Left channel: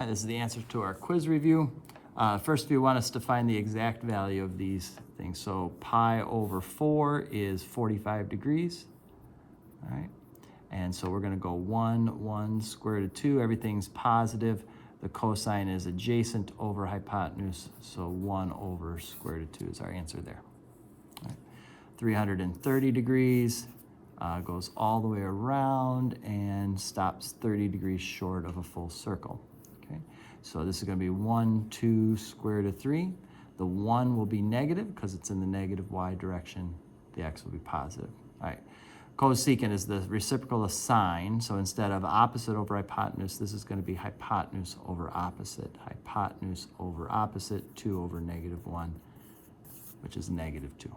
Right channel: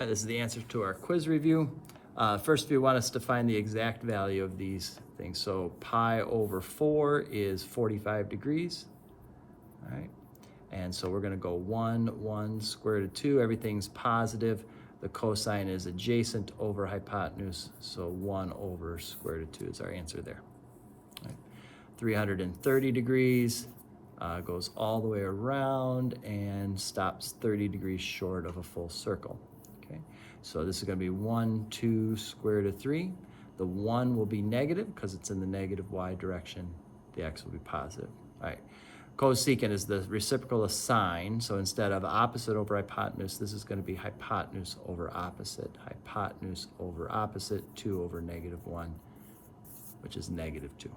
All right, this is the answer to our quiz review. First, we want us to find the exact value of these things. So pi over 4 is 45 degrees. All right, and so we're going to go 1 square root of 2. Everything's positive. The cosine is adjacent over hypotenuse, so 1 over square root of 2 is our answer there. All right. 330 degrees goes all the way around and stops 30 degrees short of a full circle. Okay, so this is going to be 1, 2 square root of 3. The 1 will be negative because it's in the negative y direction. The x will be positive. All right. Cosecant is the reciprocal of sine, so instead of opposite over hypotenuse, this is going to be hypotenuse over opposite. Hypotenuse over opposite, 2 over negative 1, which is negative 2.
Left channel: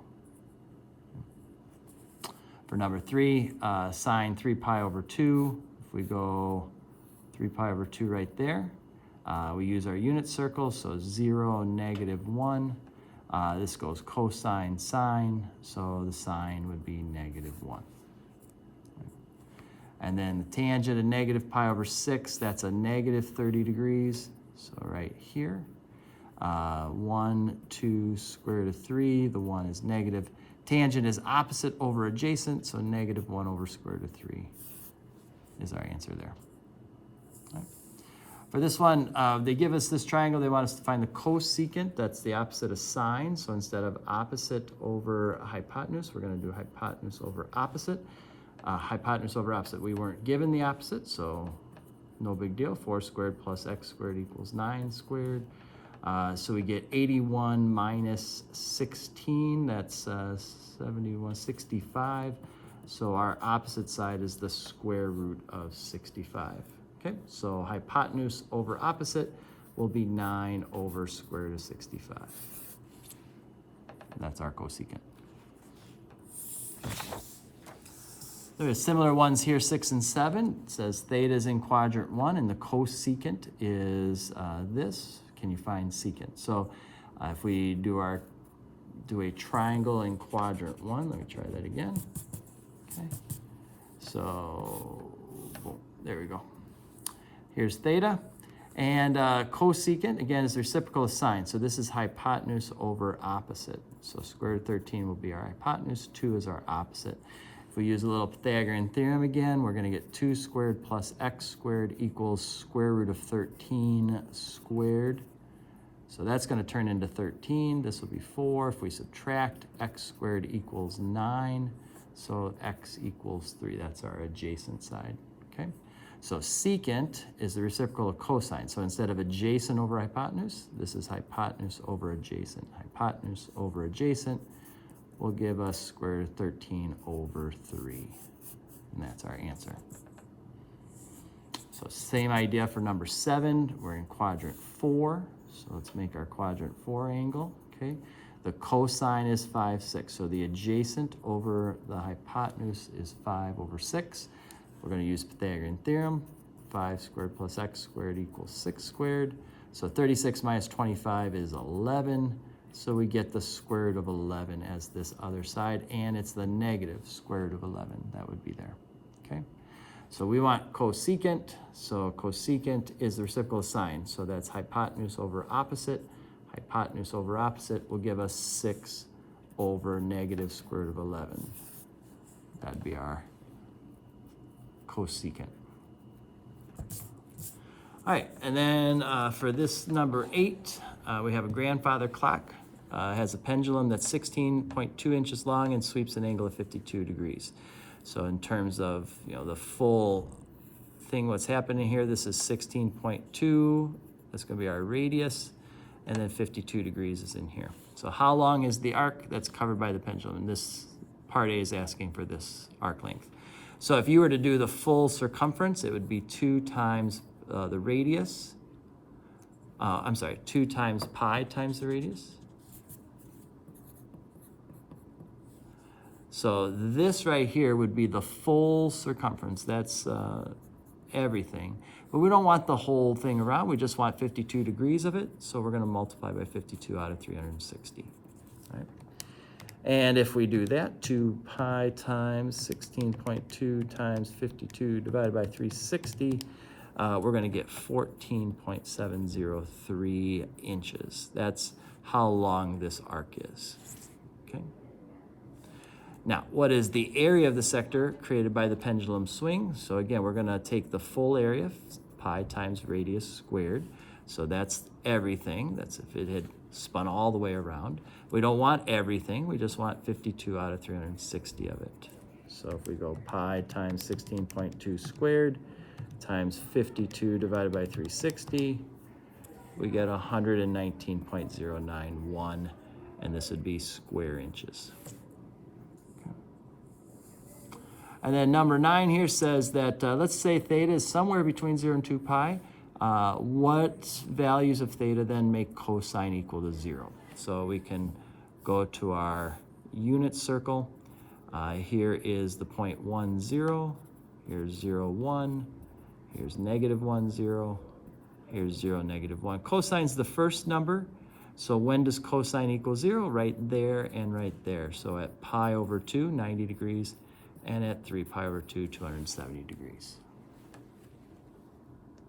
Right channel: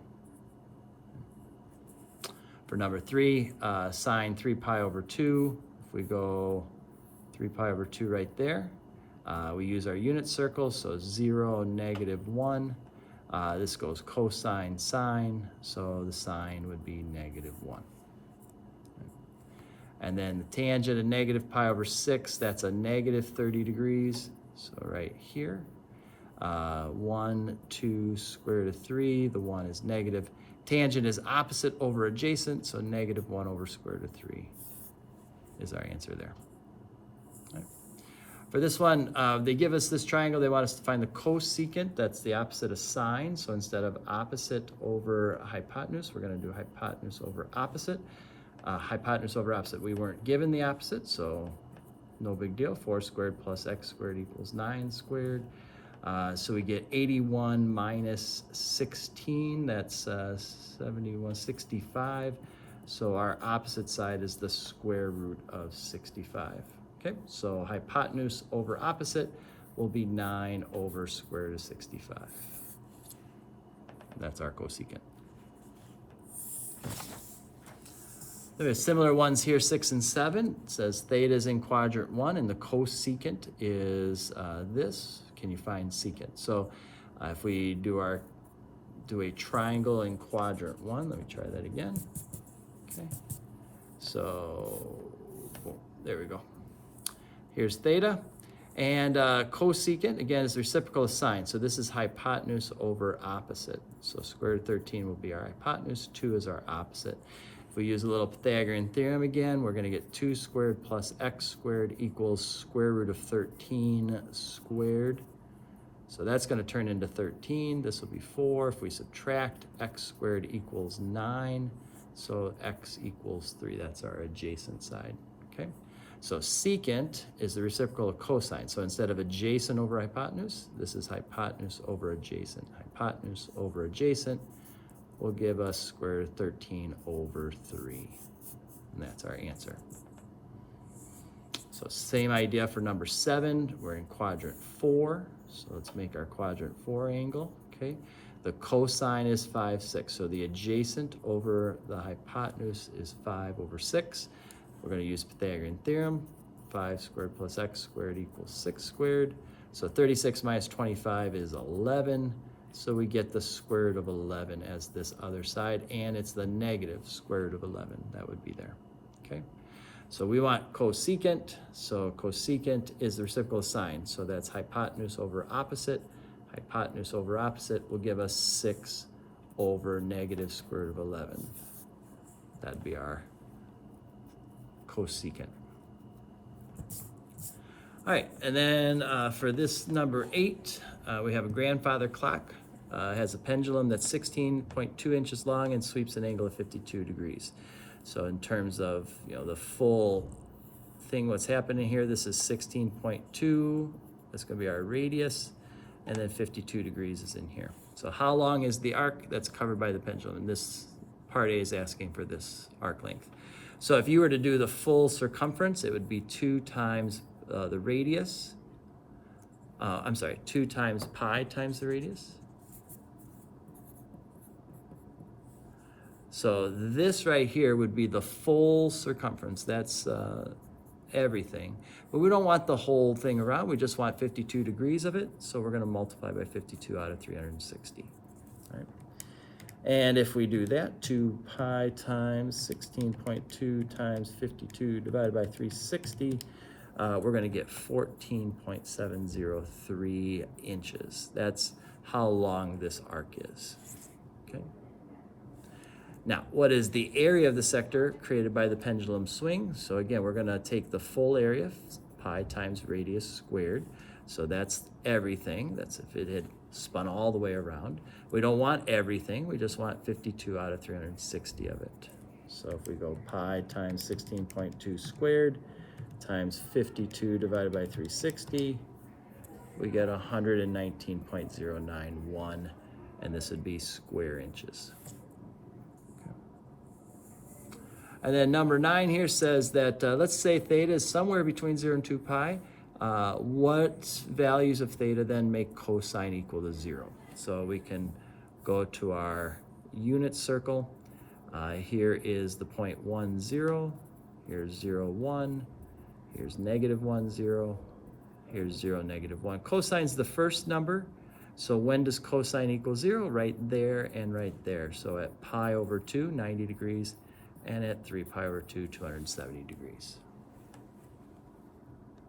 For number 3, sine 3 pi over 2, if we go 3 pi over 2 right there, we use our unit circle, so 0, negative 1. This goes cosine sine, so the sine would be negative 1. And then the tangent of negative pi over 6, that's a negative 30 degrees. So right here, 1, 2 square root of 3, the 1 is negative. Tangent is opposite over adjacent, so negative 1 over square root of 3 is our answer there. Right. For this one, they give us this triangle. They want us to find the cosecant. That's the opposite of sine. So instead of opposite over hypotenuse, we're going to do hypotenuse over opposite. Hypotenuse over opposite. We weren't given the opposite, so no big deal. 4 squared plus x squared equals 9 squared. So we get 81 minus 16, that's 71, 65. So our opposite side is the square root of 65. Okay, so hypotenuse over opposite will be 9 over square root of 65. That's our cosecant. There are similar ones here, 6 and 7. It says theta is in quadrant 1 and the cosecant is this. Can you find secant? So if we do a triangle in quadrant 1, let me try that again. Okay. So boom, there we go. Here's theta. And cosecant, again, is the reciprocal of sine. So this is hypotenuse over opposite. So square root of 13 will be our hypotenuse. 2 is our opposite. If we use a little Pythagorean theorem again, we're going to get 2 squared plus x squared equals square root of 13 squared. So that's going to turn into 13. This will be 4. If we subtract, x squared equals 9. So x equals 3. That's our adjacent side. Okay. So secant is the reciprocal of cosine. So instead of adjacent over hypotenuse, this is hypotenuse over adjacent. Hypotenuse over adjacent will give us square root of 13 over 3. And that's our answer. So same idea for number 7. We're in quadrant 4. So let's make our quadrant 4 angle. Okay. The cosine is 5, 6. So the adjacent over the hypotenuse is 5 over 6. We're going to use Pythagorean theorem. 5 squared plus x squared equals 6 squared. So 36 minus 25 is 11. So we get the square root of 11 as this other side, and it's the negative square root of 11. That would be there. Okay. So we want cosecant. So cosecant is the reciprocal of sine. So that's hypotenuse over opposite. Hypotenuse over opposite will give us 6 over negative square root of 11. That'd be our cosecant. All right, and then for this number 8, we have a grandfather clock. Has a pendulum that's 16.2 inches long and sweeps an angle of 52 degrees. So in terms of, the full thing, what's happening here, this is 16.2. That's going to be our radius, and then 52 degrees is in here. So how long is the arc that's covered by the pendulum? And this part A is asking for this arc length. So if you were to do the full circumference, it would be 2 times the radius. 2 times pi times the radius. So this right here would be the full circumference. That's everything. But we don't want the whole thing around. We just want 52 degrees of it. So we're going to multiply by 52 out of 360. All right. And if we do that, 2 pi times 16.2 times 52 divided by 360, we're going to get 14.703 inches. That's how long this arc is. Okay. Now, what is the area of the sector created by the pendulum swing? So again, we're going to take the full area, pi times radius squared. So that's everything. That's if it had spun all the way around. We don't want everything. We just want 52 out of 360 of it. So if we go pi times 16.2 squared times 52 divided by 360, we get 119.091, and this would be square inches. And then number 9 here says that, let's say theta is somewhere between 0 and 2 pi. What values of theta then make cosine equal to 0? So we can go to our unit circle. Here is the point 1, 0. Here's 0, 1. Here's negative 1, 0. Here's 0, negative 1. Cosine's the first number. So when does cosine equal 0? Right there and right there. So at pi over 2, 90 degrees. And at 3 pi over 2, 270 degrees.